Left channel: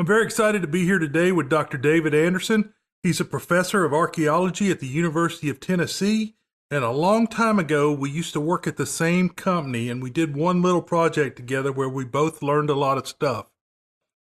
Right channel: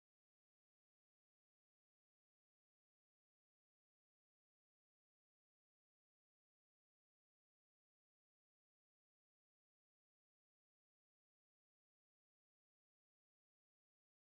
I'm very excited to be here today with Dr. David Anderson. He's a professor of archaeology at the University of Tennessee. And a long time ago, we used to work at the same company and we did one little project together where we both learned a lot of stuff.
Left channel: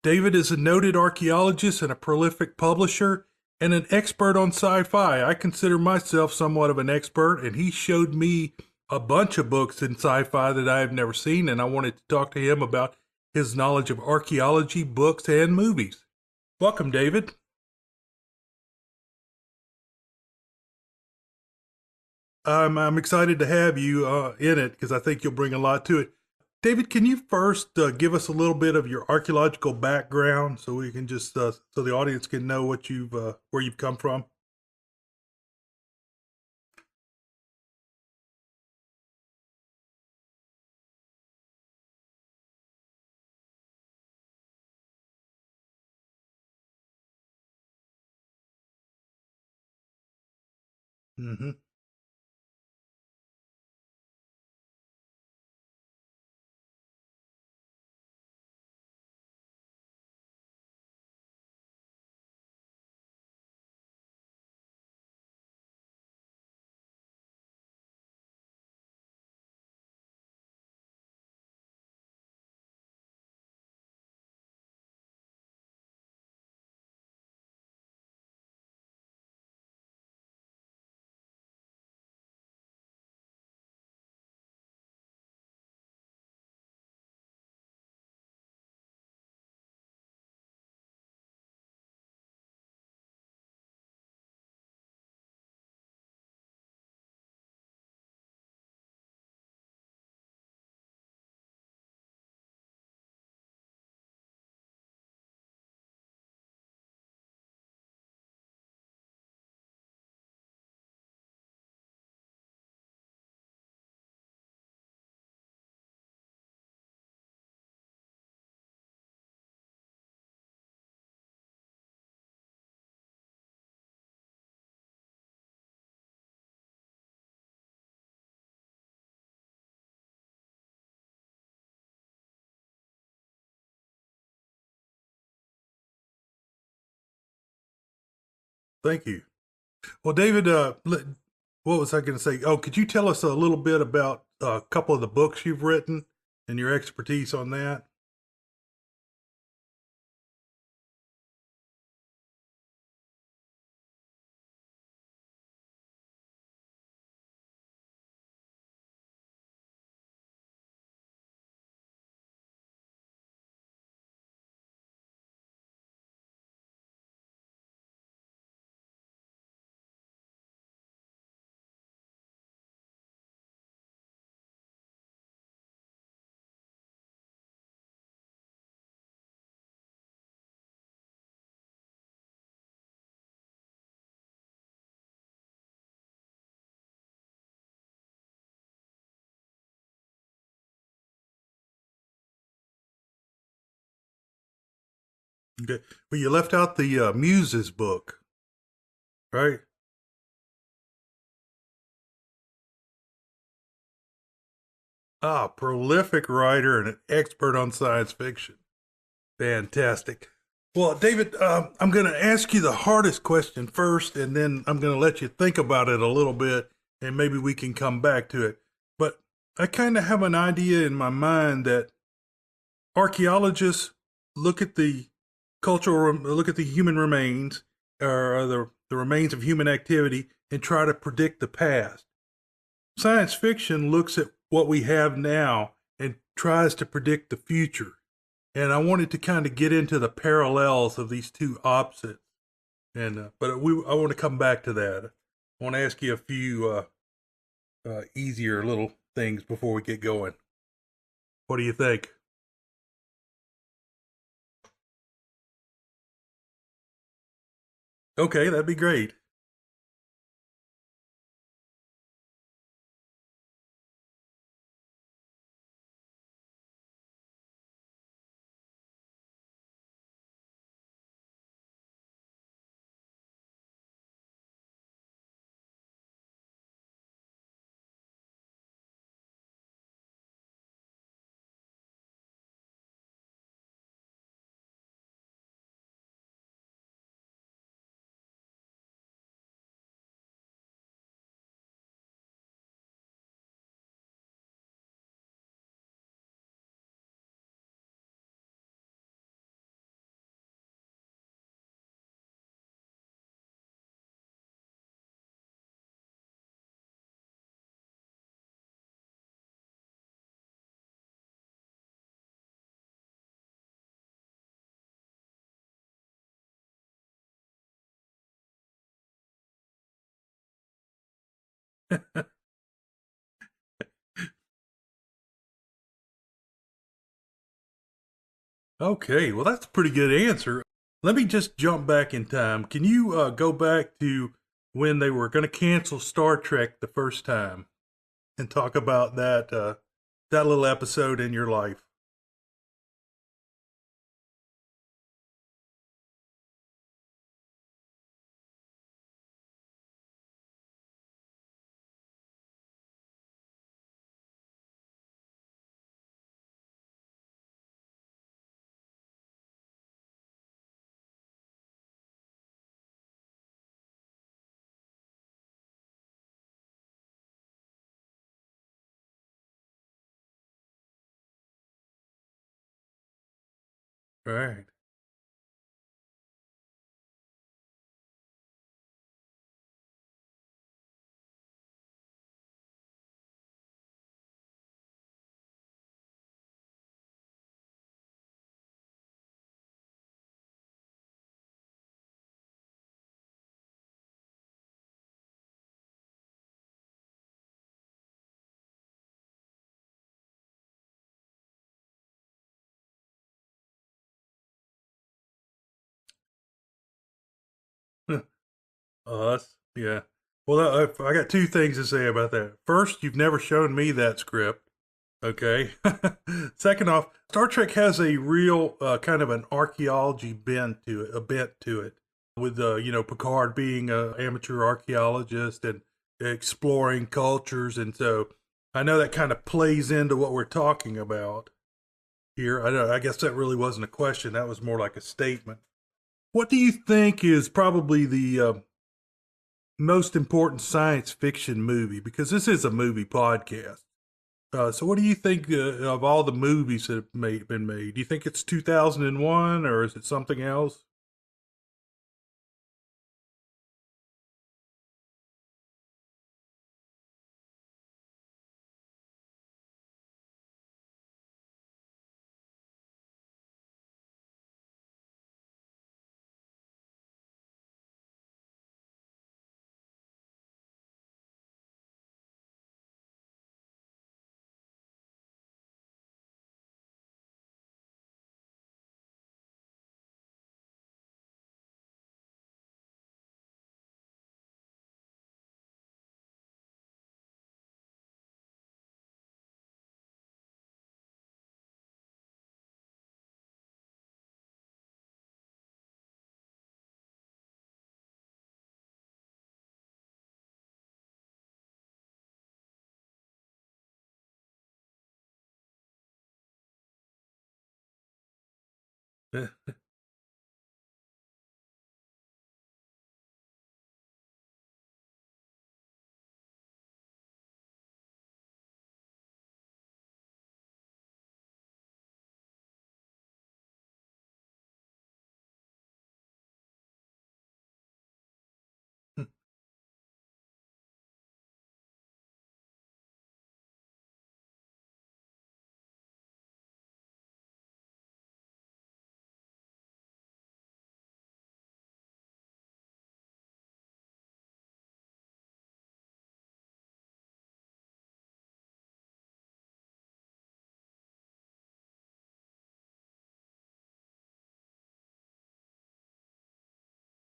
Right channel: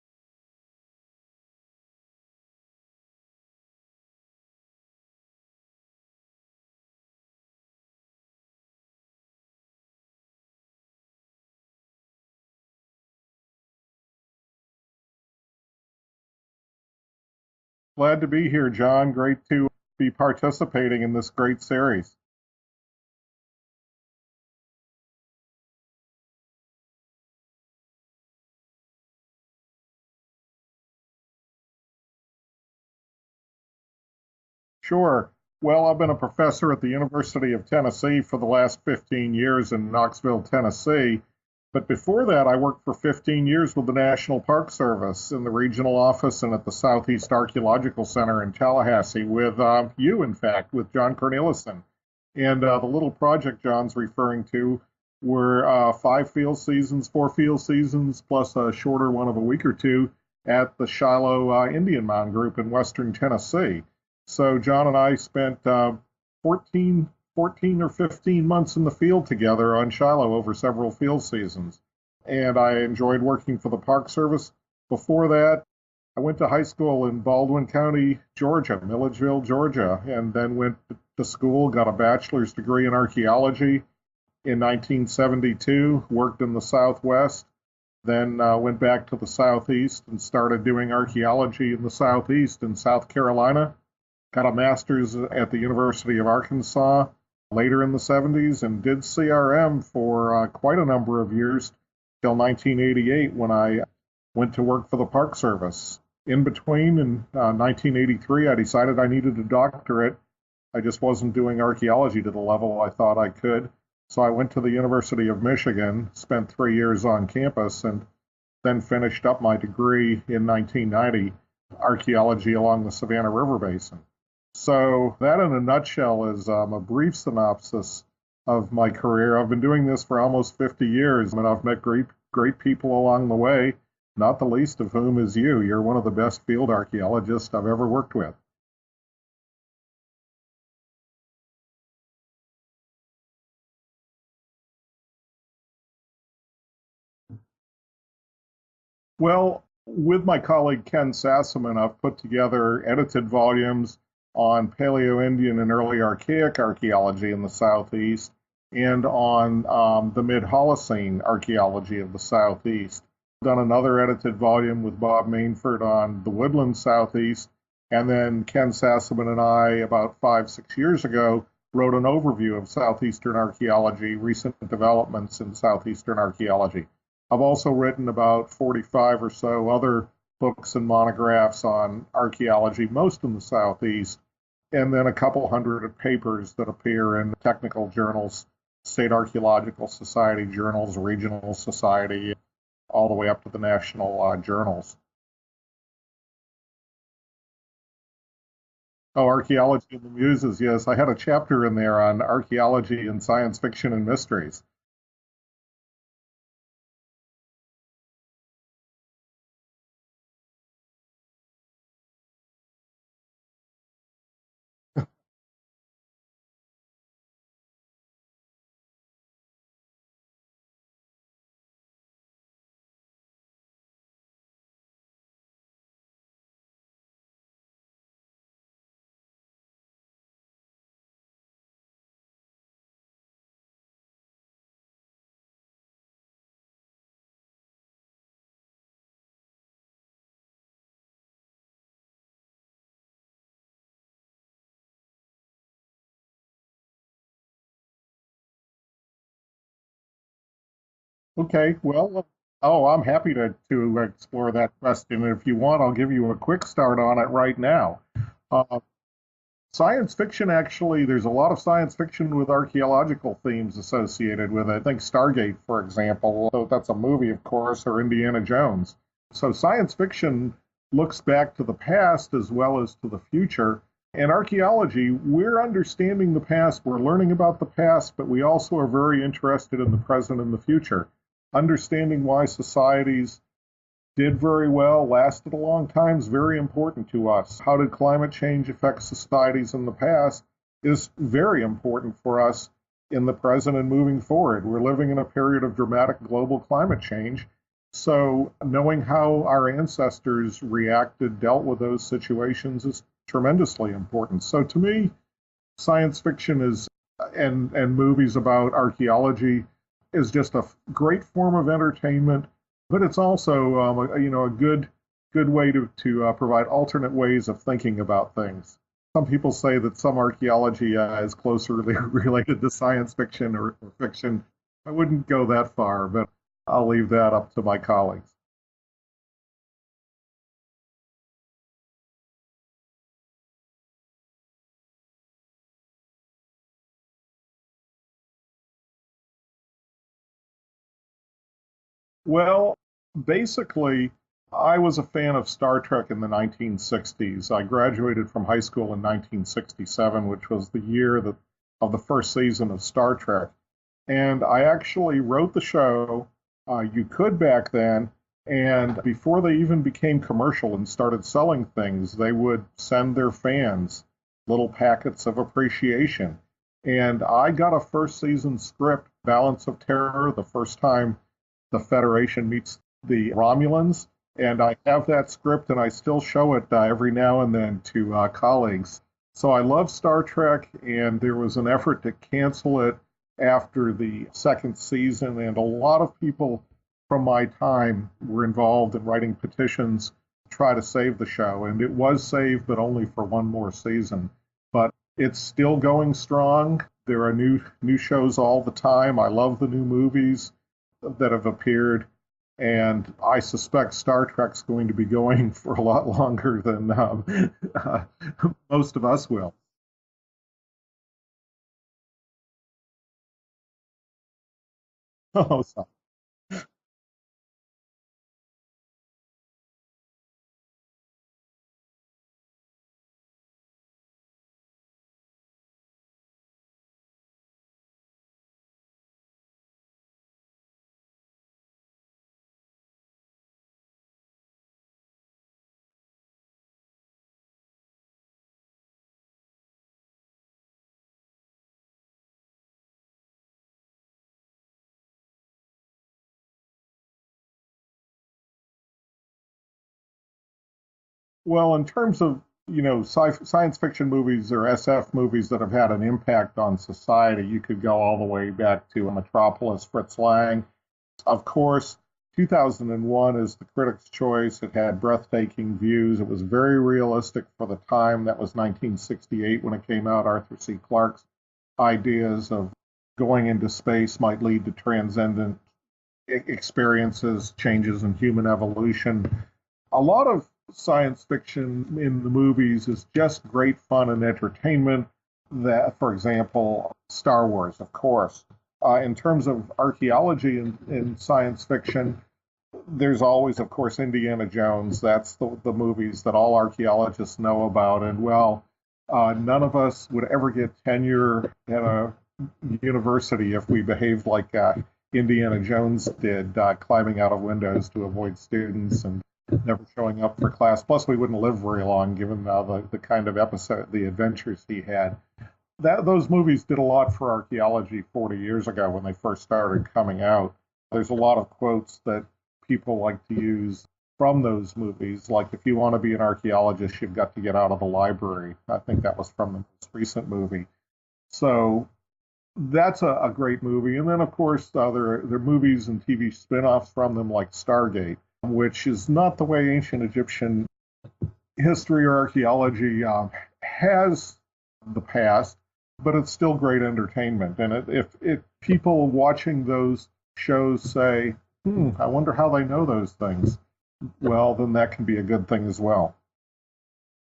David is a noted archaeologist and a prolific publisher and an expert on sci-fi. I consider myself somewhat of an expert, and he showed me a bunch of books in sci-fi that I have never seen, and I wanted to talk to him about his knowledge of archaeology, books, and movies. Welcome, David. Glad to be here, John. Great to be participating in this great series. I'm excited to have you in it because I think you'll bring a lot to it. David, can you first give us a little bit of your archaeological background so we can just so the audience can know what you've where you've come from? Sure. Well, I've been a professor at the University of Tennessee for the last 15 years in Knoxville, Tennessee. But before that, I worked for 15 years with the National Park Service in the regional office and at the Southeast Archaeological Center in Tallahassee with you, in fact, with John Cornelissen. And the little project John's referring to were 4 field seasons, plus a shorter one of a week or two at the Shiloh Indian Mound Group in Western Tennessee. So John and I spent 14 or 15 months in the field together on Shiloh over several field seasons. And I enjoyed working for the Park Service. Before that, I went to high school in Baldwin County, Georgia, Milledgeville, Georgia, and then went to school, got a bachelor's degree in archaeology in 1972, worked in the Southwest, then went back to the Southeast and started doing archaeology in the Southeast in South Carolina. Got a master's at the University of Arkansas later in the 70s and did CRM for quite a number of years till 1988 when I went to work for the Park Service. In between, in 1983, I decided I needed a doctorate. I just wasn't doing archaeology to the level I thought I could. So I went to the University of Michigan, spent 3 years on campus, and then finished up my degree in 1990, archaeology along the Savannah River Basin. So that in a nutshell is a brief synopsis of my career. I've been doing this for almost 50 years, and I've met great people along the way, not the least of whom is you. You're one of the best field archaeologists I've ever worked with. Thank you. Well, David, what was I going to say? Oh, could you tell us a little bit about a couple of the books you've written and your expertise on that? Well, with my colleague Ken Sassaman, I've put together edited volumes on Paleo-Indian and early Archaic archaeology in the Southeast and on the mid-Holocene archaeology of the Southeast. I've done another edited volume with Bob Mainford on the Woodland Southeast, and then Ken Sassaman and I, about 5-6 years ago, wrote an overview of Southeastern archaeology, recent developments in Southeastern archaeology. I've also written about 45 or so other books and monographs on archaeology, most in the Southeast, and then a couple hundred papers that appear in technical journals, State Archaeological Society journals, regional society, all the way up to the national journals. Okay. Well, you left out the Muses book. Oh, Archaeology and the Muses, yes. I had a chapter in there on archaeology and science fiction and mysteries. Ah, prolific writer and an expert on science fiction. Fantastic. Well, David, I'm going to ask you the hardest question first, and then I'm going to let you think about it a little bit, and maybe we can come back to it. But I kind of have an idea in my mind that archaeologists look at the human remains, or the remains of human activity, and try to predict the past. Science fiction looks at what we have now and tries to predict the future. And I wanted to kind of get into the parallels of these two opposites. And I want to come back to that. I want to ask you a few easier little things before we get going. Okay. What do you think? Well, I'm happy to explore that question. And if you want, I'll give you a quick start on it right now. Okay, that'd be great. Science fiction, actually, there's a lot of science fiction with archaeological themes associated with it. I think Stargate, for example, though that's a movie, of course, or Indiana Jones. So science fiction looks back to the past as well as to the future. In archaeology, we're understanding the past, we're learning about the past, but we also are very interested in the present and the future, understanding why societies did very well, lasted a long time, is very important to us. How did climate change affect societies in the past is very important for us in the present and moving forward. We're living in a period of dramatic global climate change. So, knowing how our ancestors reacted, dealt with those situations is tremendously important. So, to me, science fiction is and movies about archaeology is just a great form of entertainment, but it's also a good way to provide alternate ways of thinking about things. Some people say that some archaeology is closely related to science fiction or fiction. I wouldn't go that far, but I'll leave that up to my colleagues. Okay, well, that's a pretty good answer. Let me just jump back in time. Can you go back to when they were going to cancel Star Trek the first time and talk about that little episode in your life? Well, basically, I was a fan of Star Trek in the 1960s. I graduated from high school in 1967, which was the year of the first season of Star Trek. And I actually wrote the show. You could back then, and before they even became commercial and started selling things, they would send their fans little packets of appreciation. And I got a first season script, Balance of Terror, the first time the Federation meets the Romulans. Right. And I have that script and I still show it every now and then to colleagues. So I love Star Trek, and there was an effort to cancel it after the second season. And a lot of people from my time were involved in writing petitions to try to save the show. And it was saved, but only for one more season. But it's still going strong. There are new shows all the time. I love the new movies that have appeared, and I suspect Star Trek's going to be going for a lot longer than most of us will. Yeah. Well, I got two things to say about that. First, you've never shown me that script. Okay. Oh, Second off, Star Trek has a real kind of an archaeology bent to it, with Picard being an amateur archaeologist and exploring cultures, and so I know that kind of plays into what we're talking about here. I guess that really wasn't a question. That was more like a statement. What do you think is probably the most important science fiction movie? Because this is a movie podcast. So what do you think of all the movies that have been made? Do you think it's 2001 or is it something else? well, in terms of science fiction movies or SF movies that have had an impact on society, you could go all the way back to Metropolis, Fritz Lang. Of course, 2001 is the critic's choice. It had breathtaking views. It was very realistic for the time. That was 1968 when it came out. Arthur C. Clarke's ideas of going into space might lead to transcendent experiences, changes in human evolution. A lot of science fiction in the movies is just great fun and entertainment. That, for example, Star Wars, of course. In terms of archaeology in science fiction, there's always, of course, Indiana Jones. That's the movies that all archaeologists know about. And well, none of us would ever get tenure at a university if we behaved like Indiana Jones did, climbing out of windows to avoid students and never showing up for class. Plus, we wouldn't live very long given the kind of the adventures he had. Those movies did a lot for archaeology 40 years ago when they first started coming out. There's a lot of quotes that people like to use from those movies, like if you want to be an archaeologist, you've got to get out of the library. I think that was from the most recent movie. So that's a great movie. And then, of course, there are movies and TV spin-offs from them like Stargate, which is not the way ancient Egyptian history or archaeology has the past, but it's still great entertainment. And if people watching those shows say, I wonder how they know those things, well, then that can be a good thing as well.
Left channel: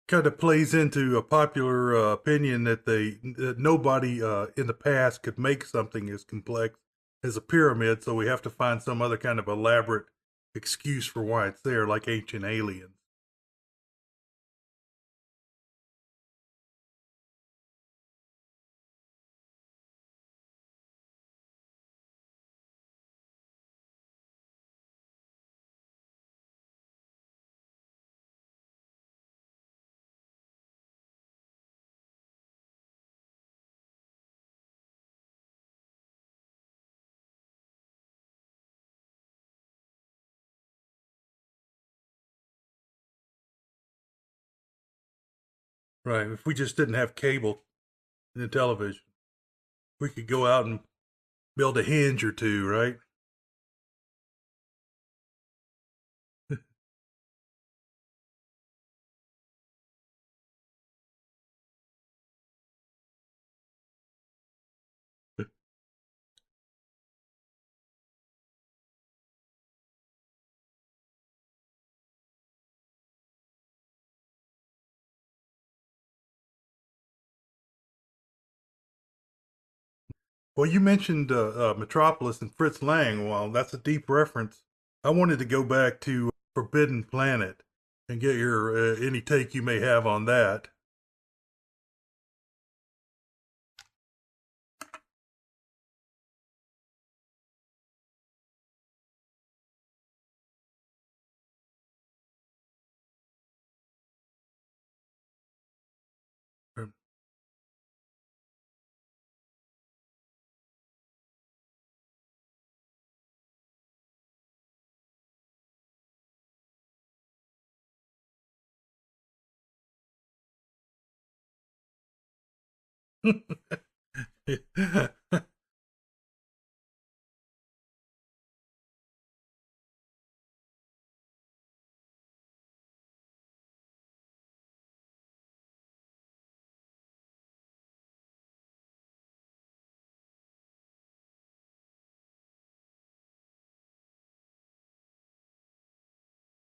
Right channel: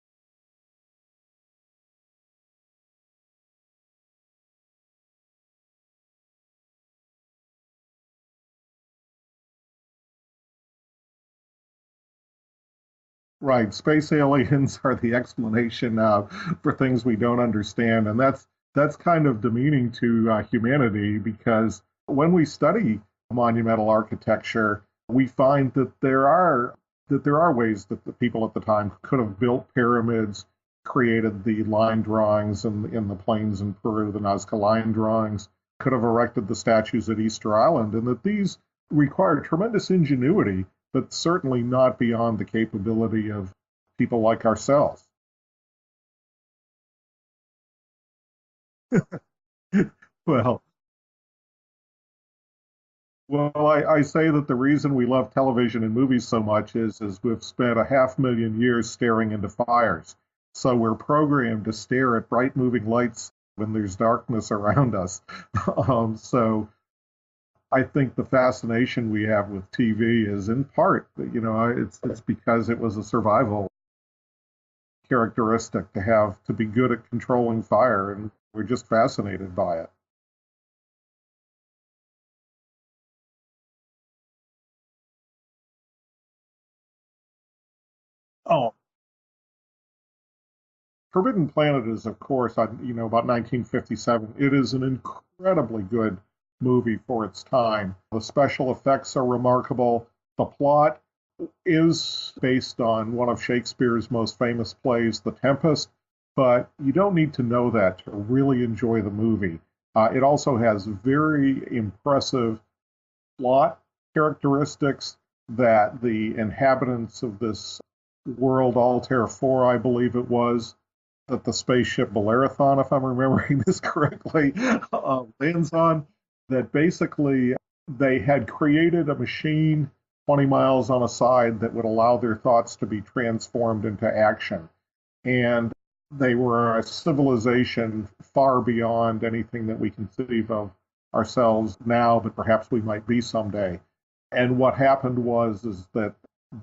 Kind of plays into a popular opinion that nobody in the past could make something as complex as a pyramid, so we have to find some other kind of elaborate excuse for why it's there, like ancient aliens. Right, space aliens are the explanation for things we don't understand, and that's kind of demeaning to humanity, because when we study monumental architecture, we find that there are that there are ways that the people at the time could have built pyramids, created the line drawings in the plains in Peru, the Nazca line drawings, could have erected the statues at Easter Island, and that these required tremendous ingenuity, but certainly not beyond the capability of people like ourselves. Right. If we just didn't have cable and television, we could go Well, out and build a Hinge or two, right? I say that the reason we love television and movies so much is we've spent a 500,000 years staring into fires. So we're programmed to stare at bright moving lights when there's darkness around us. So I think the fascination we have with TV is in part, it's because it was a survival characteristic to be good at controlling fire, and we're just fascinated by it. Well, you mentioned Metropolis and Fritz Lang. Well, that's a deep reference. I wanted to go back to Forbidden Planet and get Oh, your any take you may have on that. Forbidden Planet is, of course, about 1957. It is an incredibly good movie for its time. The special effects are remarkable. The plot is based on one of Shakespeare's most famous plays, The Tempest, but you don't need to know that to really enjoy the movie. It also has very impressive plot characteristics that the inhabitants of this world, Altair 4, I believe it was, that the spaceship Bellerophon, if I'm remembering this correctly, lands on, that basically they had created a machine 20 miles on a side that would allow their thoughts to be transformed into action. And they were a civilization far beyond anything that we conceive of ourselves now, but perhaps we might be someday. And what happened is that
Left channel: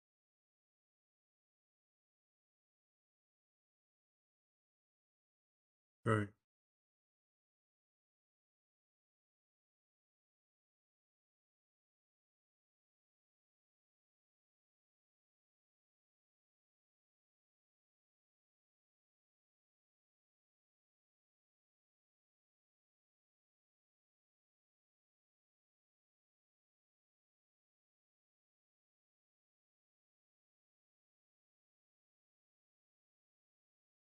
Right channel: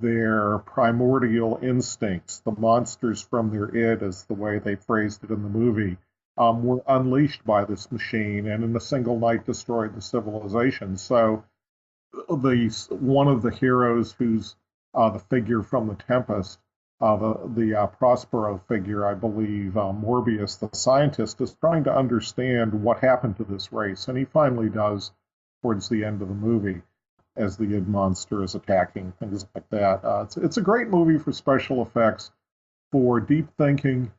their primordial instincts, the monsters from their id, is the way they phrased it in the movie, Right. were unleashed by this machine, and in a single night destroyed the civilization. So one of the heroes, who's the figure from the Tempest, the Prospero figure, I believe, Morbius, the scientist, is trying to understand what happened to this race, and he finally does towards the end of the movie, as the id monster is attacking, things like that. It's a great movie for special effects, for deep thinking,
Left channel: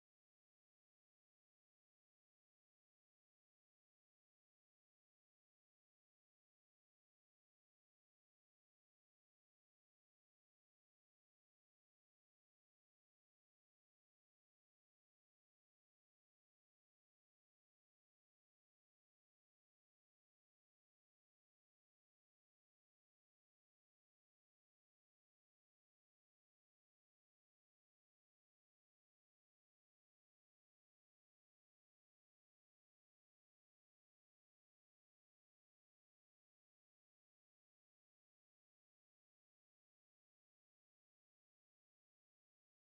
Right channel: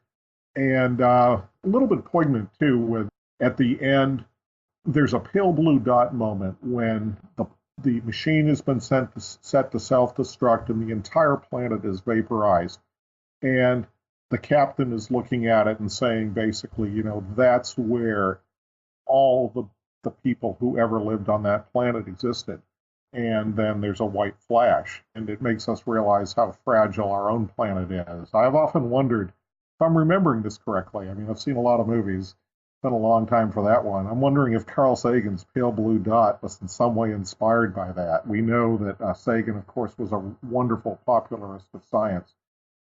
and a little bit poignant too. With at the end, there's a pale blue dot moment when the machine has been set to self-destruct and the entire planet is vaporized. And the captain is looking at it and saying, basically, that's where all the people who ever lived on that planet existed. And then there's a white flash, and it makes us realize how fragile our own planet is. I've often wondered, if I'm remembering this correctly, I mean, I've seen a lot of movies, been a long time for that one. I'm wondering if Carl Sagan's pale blue dot was in some way inspired by that. We know that Sagan, of course, was a wonderful popularist of science,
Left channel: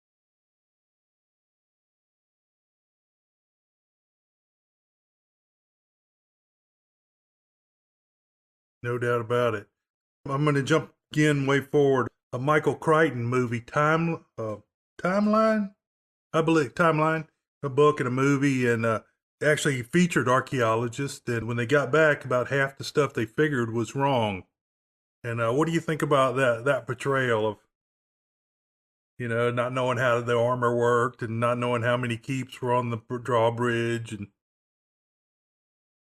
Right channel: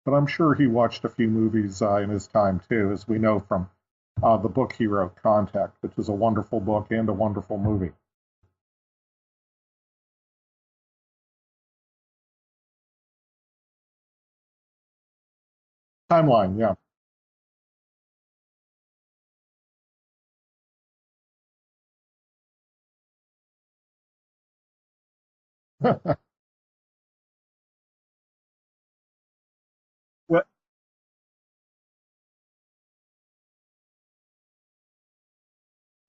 but I'm sure he watched a few movies in his time too, as we know from the book he wrote, Contact, which is a wonderful book and a wonderful movie. No doubt about it. I'm going to jump again way forward. A Michael Crichton movie, Timeline? I Timeline, believe yeah. Timeline, a book and a movie, and actually featured archaeologists. And when they got back, about half the stuff they figured was wrong. And what do you think about that portrayal of, not knowing how the Well, armor worked and not knowing how many keeps were on the drawbridge? And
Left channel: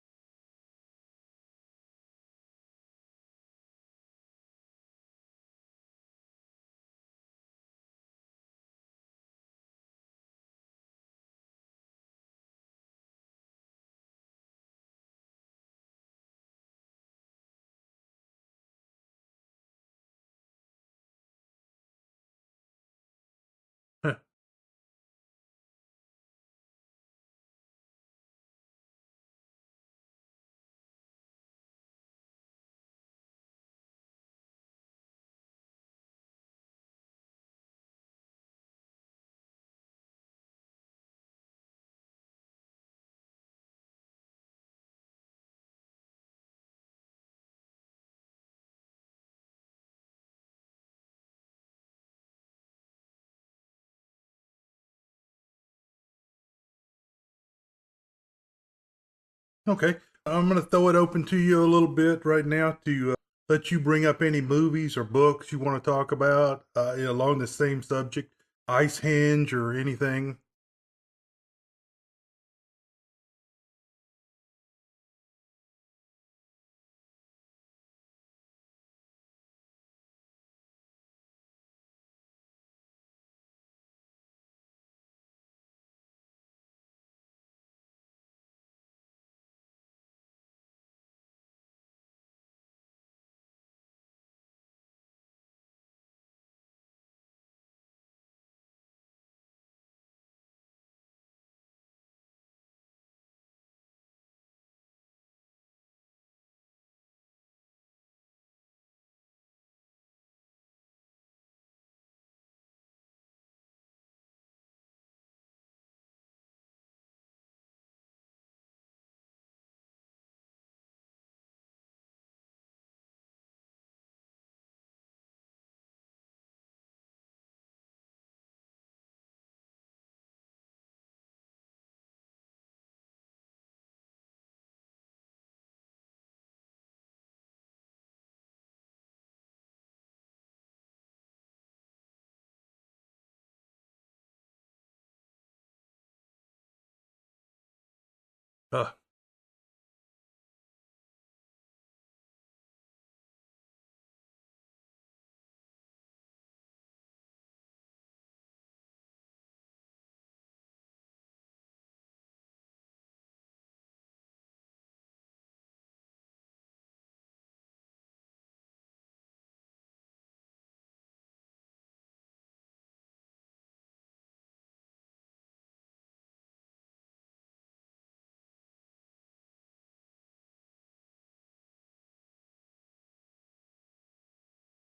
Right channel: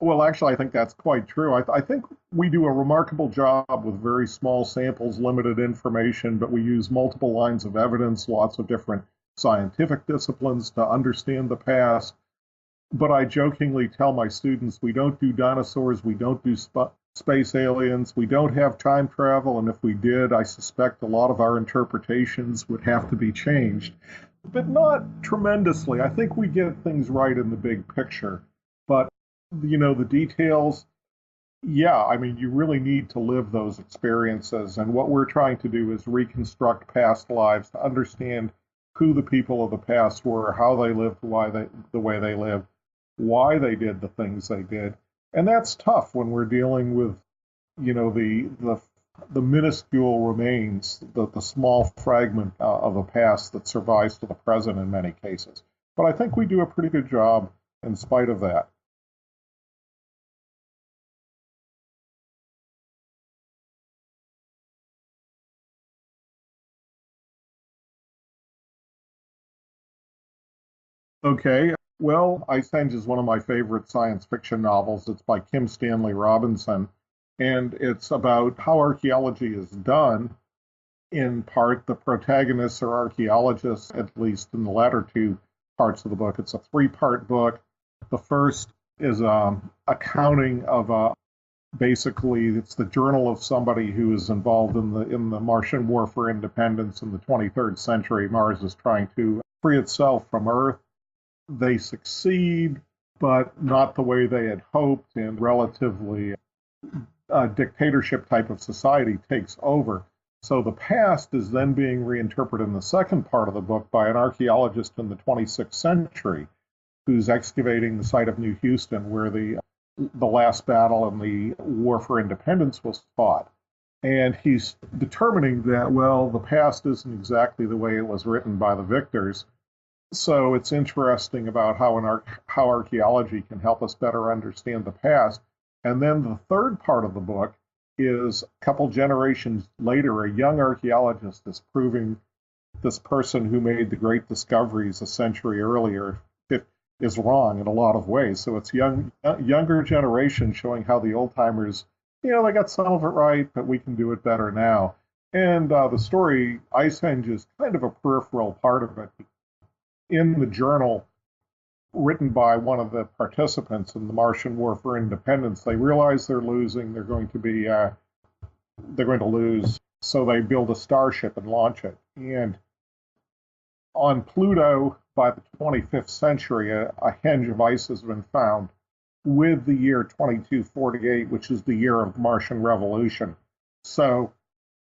Well, actually, I think that's quite true. I think we do a remarkable job with very small samples, limited information, but we use multiple lines of evidence, lots of different scientific disciplines to understand the past. But I jokingly tell my students, we don't do dinosaurs, we don't do space aliens, we don't have time travel, and if we did, I suspect a lot of our interpretations would have to be changed, but not tremendously. I think we get things right in the big picture. But the details, yeah, I mean, you really need to live those experiences. And what we're trying to do is reconstruct past lives to understand who the people of the past were, how they lived, the way they lived, why they did the things they did. And that's tough when we're dealing with, the minuscule remains, the small fragment of the past that survives to the present in many cases. But I think we do a pretty good job in spite of that. okay, I'm going to throw it open to you a little bit right now to let you bring up any movies or books you want to talk about along the same subject, Ice Hinge or anything. Okay, well, Ice Hinge is one of my favorite science fiction novels. It's by Kim Stanley Robinson, and it's about how archaeology is done. In part, the protagonists are archaeologists, at least in the latter two parts of the book. It's a three-part book. The first is accounting of basically it's the journal of somebody who is involved in the Martian war for independence in the 23rd century. Mars is trying to free itself from Earth. They succeed, but not the way they had hoped, and relatively dictatorship type of society takes over. So the past is then being reinterpreted in the second part of the book by an archaeologist in the 26th century who's excavating the site of New Houston where the last battle in the war for independence was fought. And he's determining that, well, the past isn't exactly the way it was written by the victors. So it's interesting about how archaeology can help us better understand the past. And then the third part of the book is a couple generations later, a young archaeologist is proving this person who made the great discoveries a century earlier is wrong in a lot of ways. So it's younger generation showing how the old timers, they got some of it right, but we can do it better now. And the story, Ice Hinge, is kind of a peripheral part of it. In the journal written by one of the participants in the Martian War for Independence, they realize they're losing. They're going to lose. So they build a starship and launch it. And on Pluto, by the 25th century, a henge of ice has been found with the year 2248, which is the year of the Martian Revolution. So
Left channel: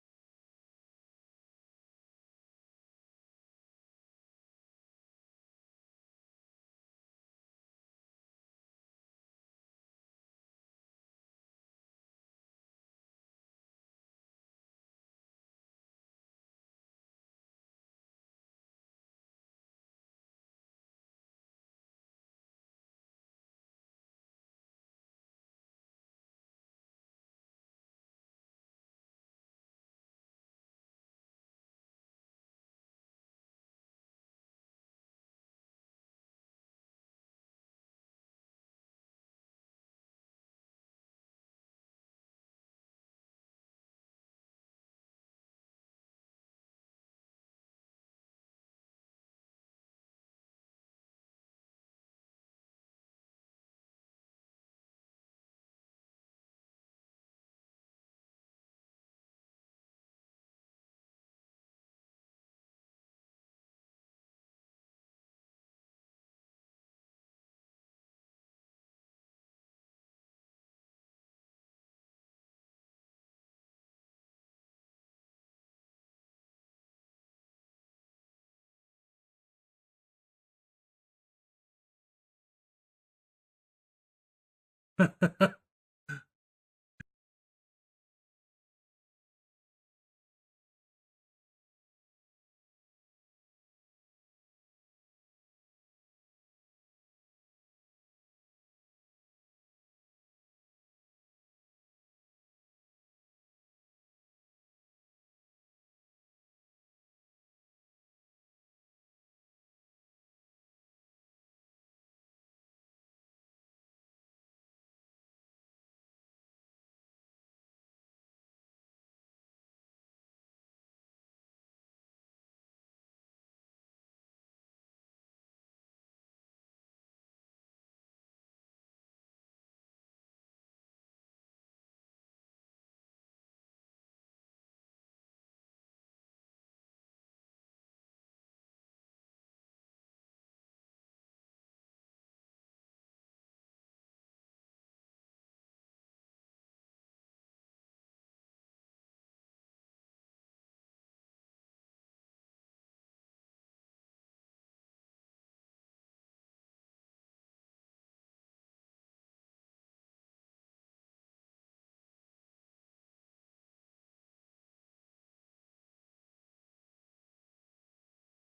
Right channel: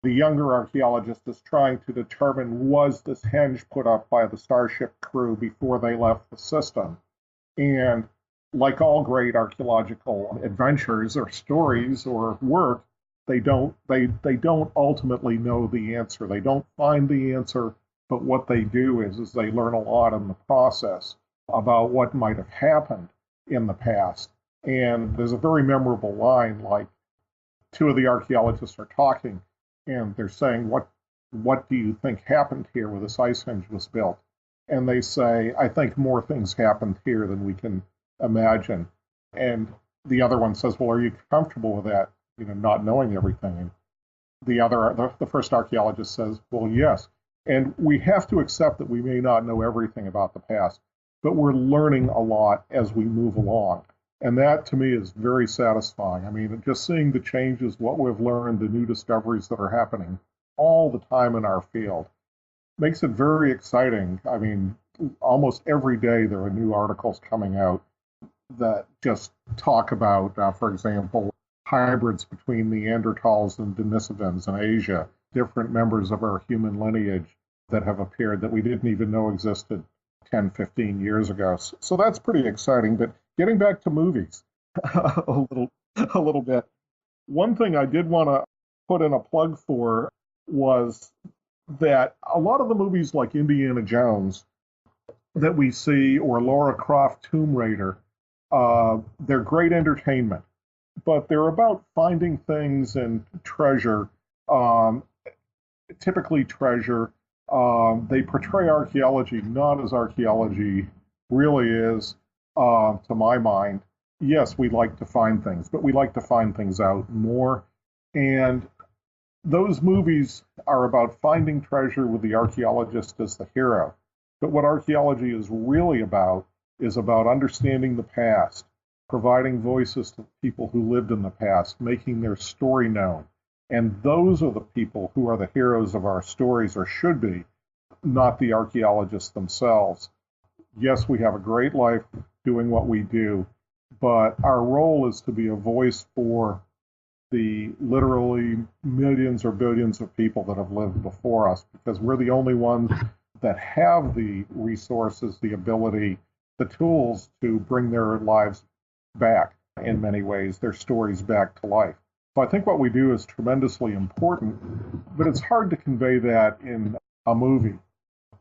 the younger archaeologist is trying to determine, was this henge put up by the starship crew before they left the system? And like all great archaeological adventures or stories or work, they don't ultimately know the answer. They don't find the answer, but what they do is they learn a lot in the process about what might have happened in the past. And there's a very memorable line, like two of the archaeologists are talking and they're saying, what do you think happened here when this ice hinge was built? And they say, I think more things happened here than we can imagine. And the other one says, well, are you comfortable with that? Not knowing everything. And the first archaeologist says, well, yes. And we have to accept that we may not know everything about the past, but we're learning a lot as we move along. And that to me is very satisfying. I mean, just seeing the changes, what we've learned, the new discoveries that are happening all the time in our field makes it very exciting. I mean, almost every day there are new articles coming out that just talk about, for example, hybrids between Neanderthals and Denisovans in Asia, different members of our human lineage that have appeared that we didn't even know existed 10, 15 years ago. So that's pretty exciting. But getting back to movies a little bit, one thing I did want to put in a plug for was that a lot of the movies like Indiana Jones that we see, or Lara Croft Tomb Raider, they're great entertainment, but they're about finding things and treasure, typically treasure. They portray archaeology not as archaeology really is, to my mind. Yes, we like to find things, but we like to find things out more. And those movies are about finding treasure with the archaeologist as the hero. But what archaeology is really about is about understanding the past, providing voices to people who lived in the past, making their story known. And those are the people who are the heroes of our stories, or should be, not the archaeologists themselves. Yes, we have a great life doing what we do, but our role is to be a voice for the literally millions or billions of people that have lived before us, because we're the only ones that have the resources, the ability, the tools to bring their lives back in many ways, their stories back to life. So I think what we do is tremendously important, but it's hard to convey that in a movie.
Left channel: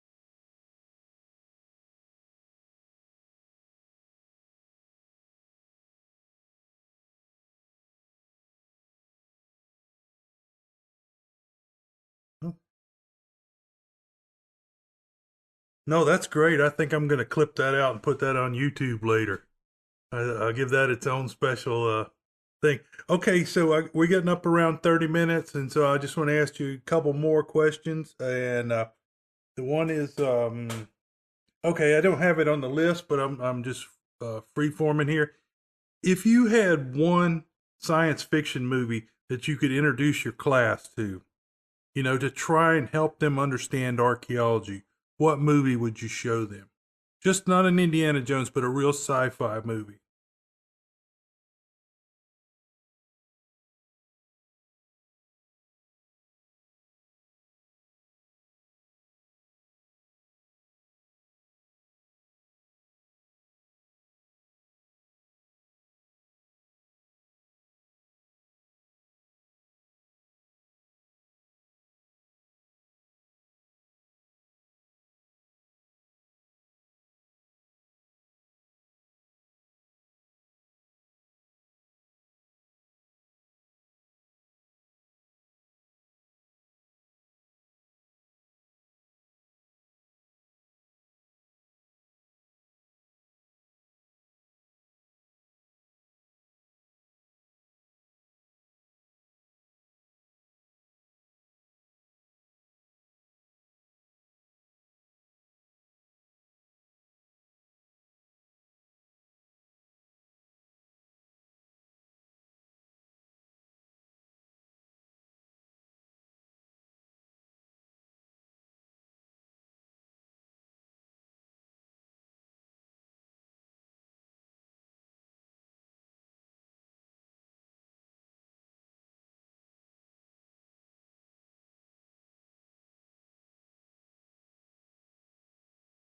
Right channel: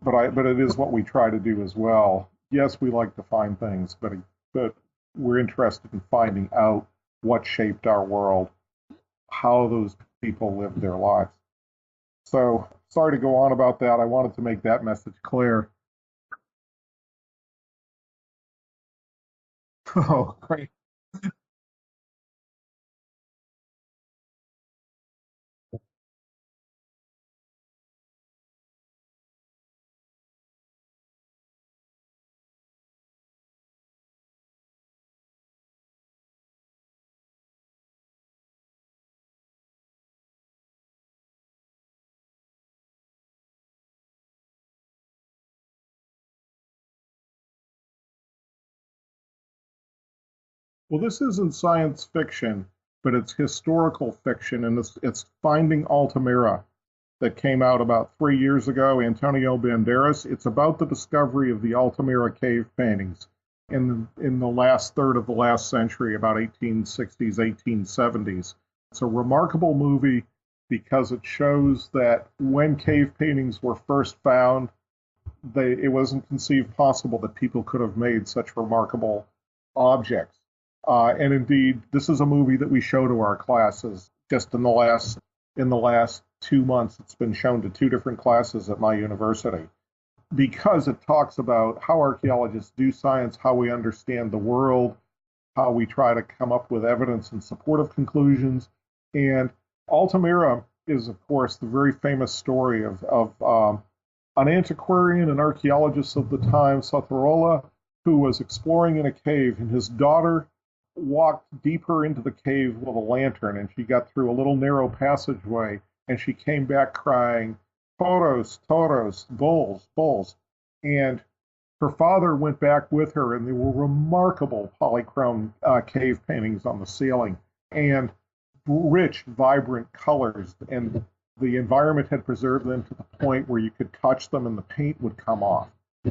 But it is what we try to do as well. Yes, we like to find things, but we're interested in finding out what shaped our world, how those people lived their lives. So sorry to go on about that. I wanted to make that message clear. No, that's great. I think I'm going to clip that out and put that on YouTube later. Oh, I'll give that its own special thing. Okay, so we're getting up around 30 minutes, and so I just want to ask you a couple more questions. And the one is, okay, I don't have it on the list, but I'm just free forming here. If you had one science fiction movie that you could introduce your class to, to try and help them understand archaeology, what movie would you show them? Just not an Indiana Jones, but a real sci-fi movie. well, this isn't science fiction, but it's historical fiction, and it's Finding Alta Mira that came out about 3 years ago. Antonio Banderas. It's about the discovery of the Altamira cave paintings in the last third of the last century, about 1860s, 1870s. It's a remarkable movie because it shows that when cave paintings were first found, it wasn't conceived possible that people could have made such remarkable objects. And indeed, this is a movie that we show to our classes. Just in the last 2 months, it's been shown to two different classes at my university because it talks about how archaeologists do science, how we understand the world, how we try to come up with evidence in support of conclusions. And Altamira is, of course, the very famous story of an antiquarian and archaeologist of the time, Savonarola, who was exploring in a cave, and his daughter walked deeper into the cave with a lantern, and she got through a little narrow passageway, and she came back crying, "Toros, toros, bulls, bulls." And her father went back with her, and there were remarkable polychrome cave paintings on the ceiling, and rich, vibrant colors, and the environment had preserved them to the point where you could touch them and the paint would come off.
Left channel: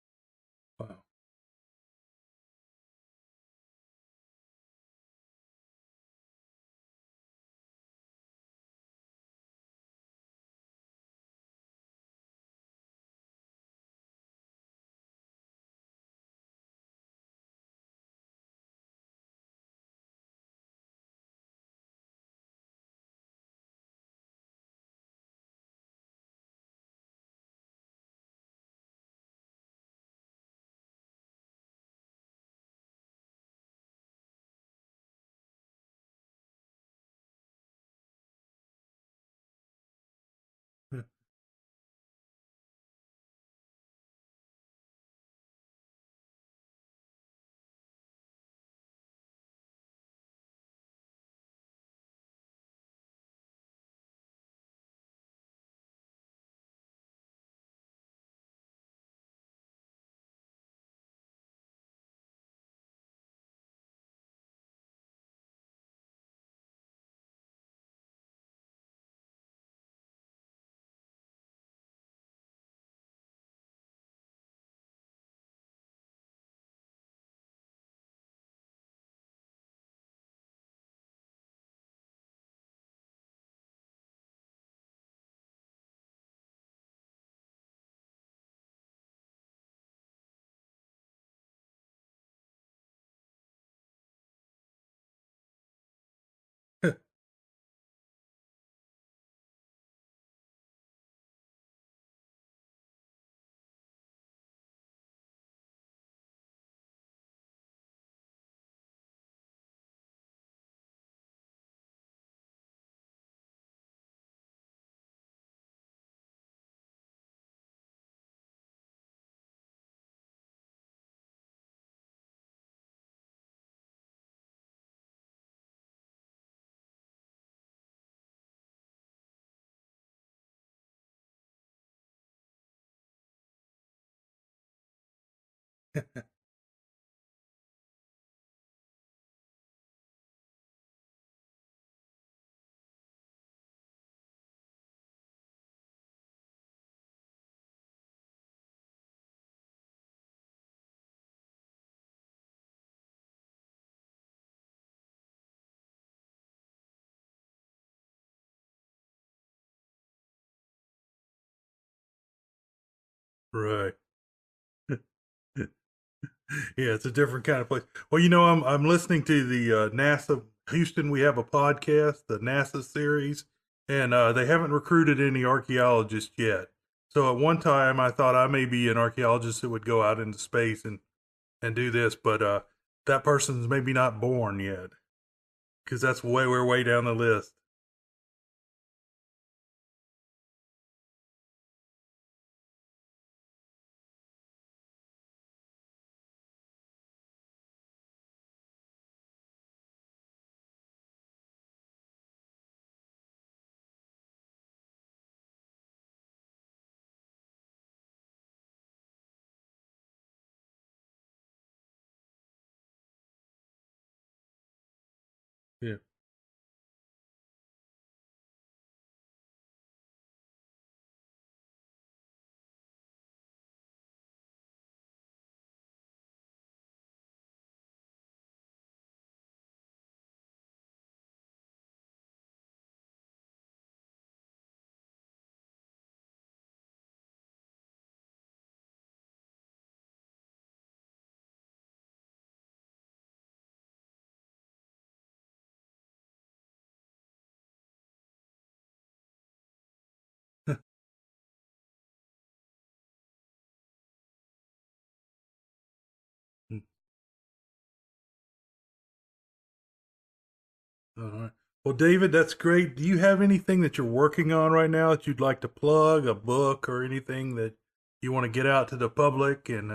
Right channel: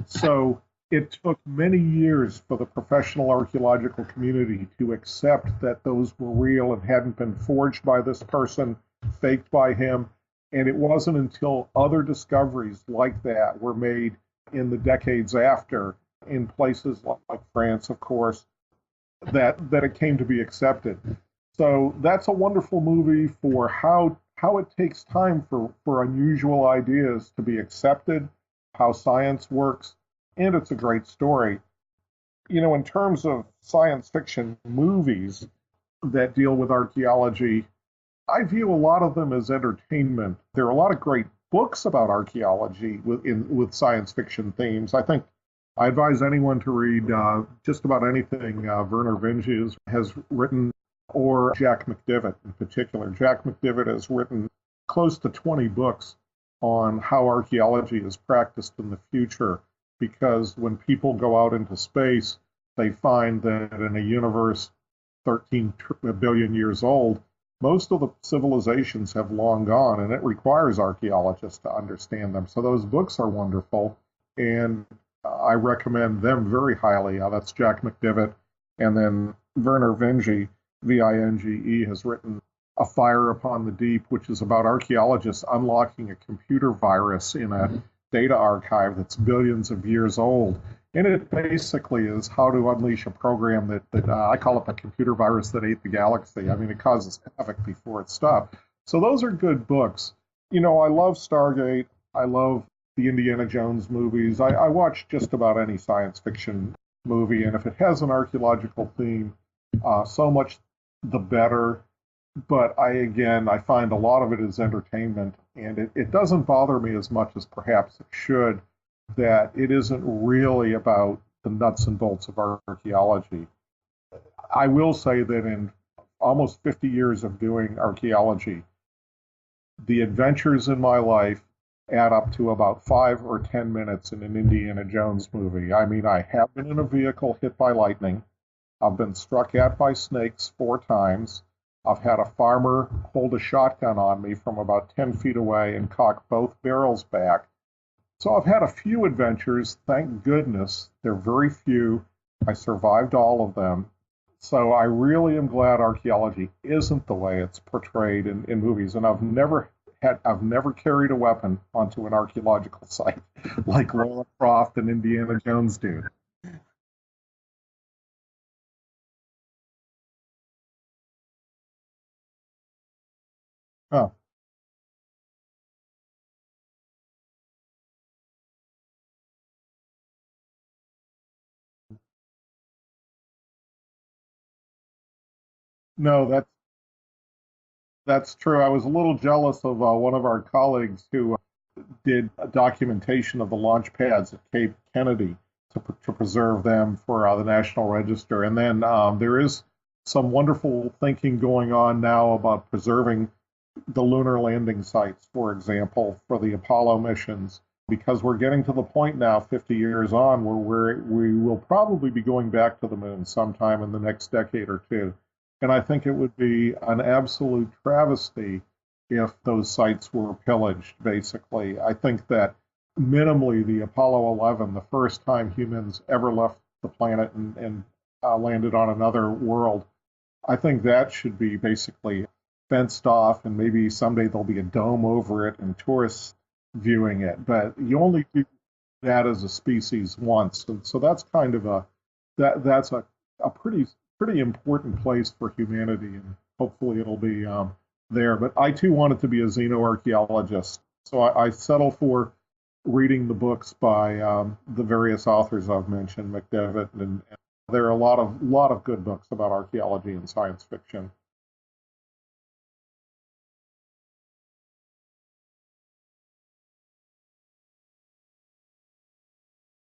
So it took many years for the professional archaeological community to accept that those were real and hadn't been forged by this person, faked by him. And it wasn't until other discoveries like that were made in the decades after, in places like France, of course, that it came to be accepted. So that's a wonderful movie for how it takes time for unusual ideas to be accepted, how science works, and it's a great story. In terms of science fiction movies that deal with archaeology, I view a lot of them as entertainment. There are a lot of great books about archaeology with science fiction themes. I think I advise anyone to read just about anything Werner Vinge has written, or Jack McDivitt in particular. Jack McDivitt has written close to 20 books on how archaeology is practiced in the future, because when people go out into space, they find that in a universe 13 billion years old, most of the civilizations have long gone, and it requires archaeologists to understand them. So those books are wonderful, and I recommend them very highly. That's Jack McDivitt. And then Werner Vinge, Vinge, has written A Fire Upon the Deep, which is about archaeologists unlocking a computer virus in a data archive that's billions of years old. And it basically is how to unleash a program that I call it the computer virus that ate the galaxy. I mean, it causes havoc before it stopped. So those are good books. I love Stargate. I love the Indiana Jones movies. I watch just about any science fiction movie, and if it has an archaeological theme, so much the better. But I find a lot of it is entertainment, and it doesn't bother me as much as perhaps it should, that it isn't really about the nuts and bolts of archaeology. I will say that in almost 50 years of doing archaeology, the adventures in my life add up to about 5 or 10 minutes in an Indiana Jones movie. I mean, I have been in a vehicle hit by lightning. I've been struck at by snakes 4 times. I've had a farmer hold a shotgun on me from about 10 feet away and cock both barrels back. So I've had a few adventures, thank goodness. They're very few. I survived all of them. So I really am glad archaeology isn't the way it's portrayed in movies. And I've never carried a weapon onto an archaeological site like Lara Croft and Indiana Jones do. Yeah, it's a different kind of place. Well, I'm listening to the NASA Houston. We have a podcast, the NASA series, and they haven't recruited any archaeologists yet. So at one time, I thought I may be an archaeologist that would go out into space and do this, but that person's maybe not born yet because that's No, we're way down the list. that's true. I was a little jealous of one of our colleagues who did a documentation of the launch pads at Cape Kennedy to preserve them for the National Register. And then there is some wonderful thinking going on now about preserving the lunar landing sites, for example, for the Apollo missions, because we're getting to the point now, 50 years on, where we will probably be going back to the moon sometime in the next decade or two. And I think it would be an absolute travesty if those sites were pillaged, basically. I think that minimally the Apollo 11, the first time humans ever left the planet and landed on another world, I think that should be basically fenced off, and maybe someday there'll be a dome over it and tourists viewing it. But you only do that as a species once, and so that's kind of that's a pretty important place for humanity, and hopefully it'll be there. But I too wanted to be a xenoarchaeologist, so I settle for reading the books by the various authors I've mentioned, McDevitt, and there are a lot of good books about archaeology and science fiction. All right. Well, David, that's great. Do you have anything that you're working on right now that you'd like to plug, a book or anything that you want to get out to the public and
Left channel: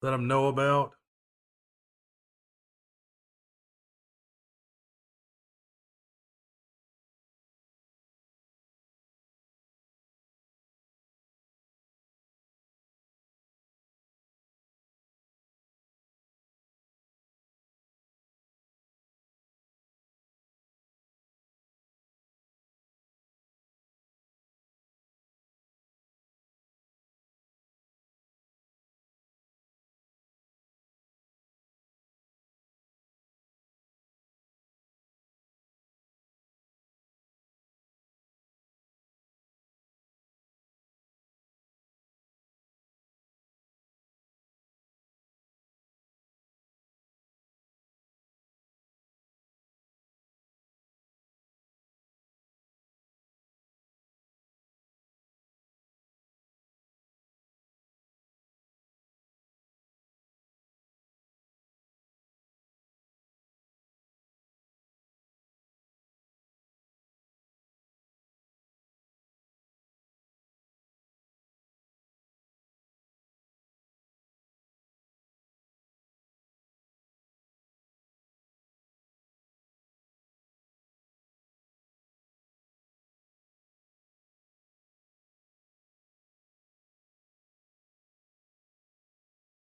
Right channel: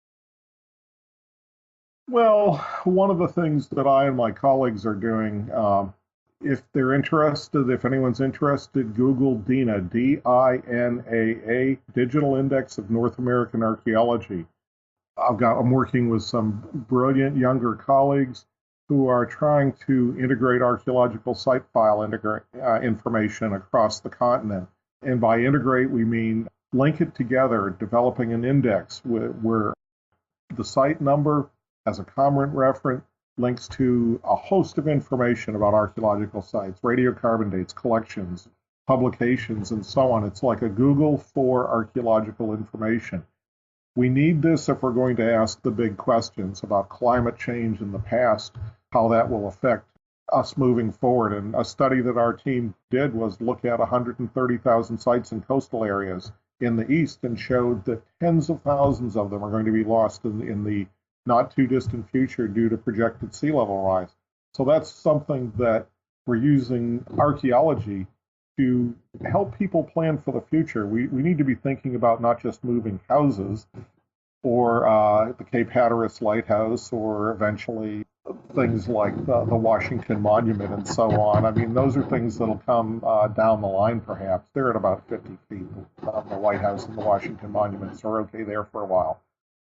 let them know about? Well, one of the things that I and my colleagues are doing, if they're interested, if anyone's interested, Google DINA, DINAA, Digital Index of North American Archaeology. I'm working with some brilliant younger colleagues who are trying to integrate archaeological site file information across the continent. And by integrate, we mean link it together, developing an index where the site number as a common reference links to a host of information about archaeological sites, radiocarbon dates, collections, publications, and so on. It's like a Google for archaeological information. We need this if we're going to ask the big questions about climate change in the past, how that will affect us moving forward. And a study that our team did was look at 130,000 sites in coastal areas in the East and showed that tens of thousands of them are going to be lost in the not too distant future due to projected sea level rise. So that's something that we're using archaeology to help people plan for the future. We need to be thinking about not just moving houses or the Cape Hatteras Lighthouse or eventually things like the Washington Monument and so on. I mean, those are things that'll come down the line perhaps. They're at about 50 feet. The White House and the Washington Monuments are okay there for a while.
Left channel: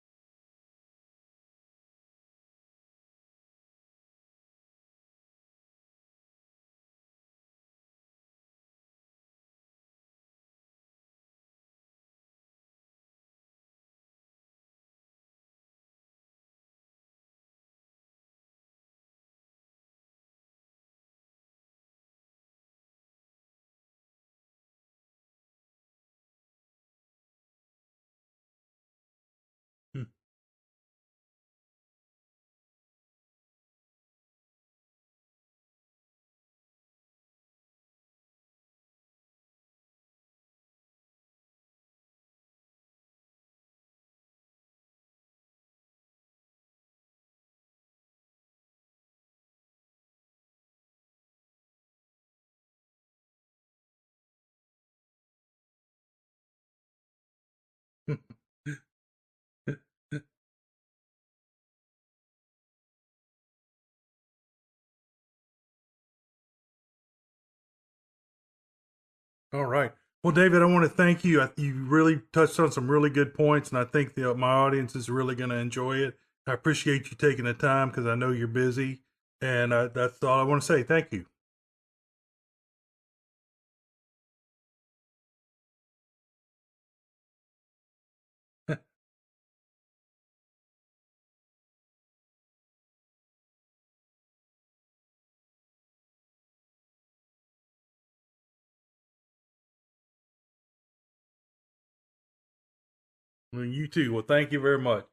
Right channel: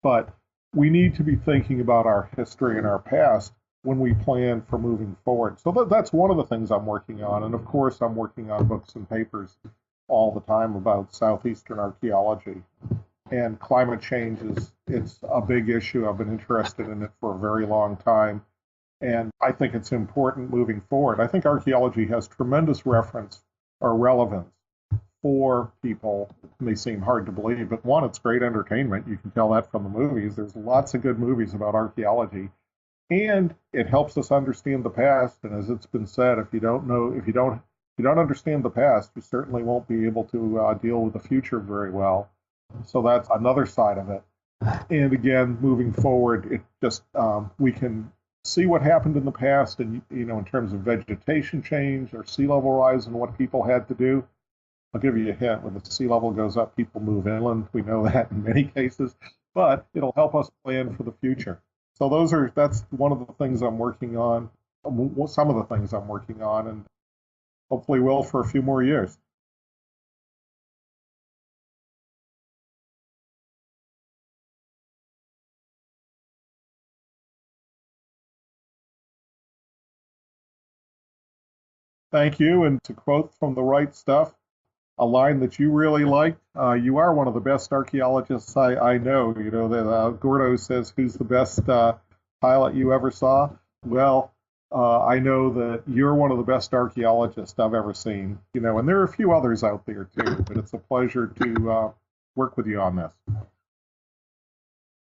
But we need to be thinking about our history and our past when we plan for moving forward. So that's one of the things I'm working on. And of course, I'm working on books and papers all the time about Southeastern archaeology. And climate change it's a big issue. I've been interested in it for a very long time. And I think it's important moving forward. I think archaeology has tremendous reference or relevance for people. It may seem hard to believe, but one, it's great entertainment. You can tell that from the movies. There's lots of good movies about archaeology. And it helps us understand the past. And as it's been said, if you don't understand the past, you certainly won't be able to deal with the future very well. So that's another side of it. And again, moving forward, it just we can see what happened in the past, and in terms of vegetation change or sea level rise and what people had to do. I'll give you a hint: when the sea level goes up, people move inland. We know that in many cases, but it'll help us plan for the future. So that's one of the things I'm working on, some of the things I'm working on, and hopefully will for a few more years. All right. Well, David, I want to thank you. You really touched on some really good points, and I think my audience is really going to enjoy it. I appreciate you taking the time because I know you're busy, and that's all I want to say. Thank you. Thank you. And to quote from The Right Stuff, a line that you really liked, you are one of the best archaeologists I know. Gordo says, who's the best pilot you ever saw? Well, I know that you're one of the best archaeologists I've ever seen, and there are a few others out there too, but it's a pleasure to work with you on this. Well, you too. Well, thank you very much.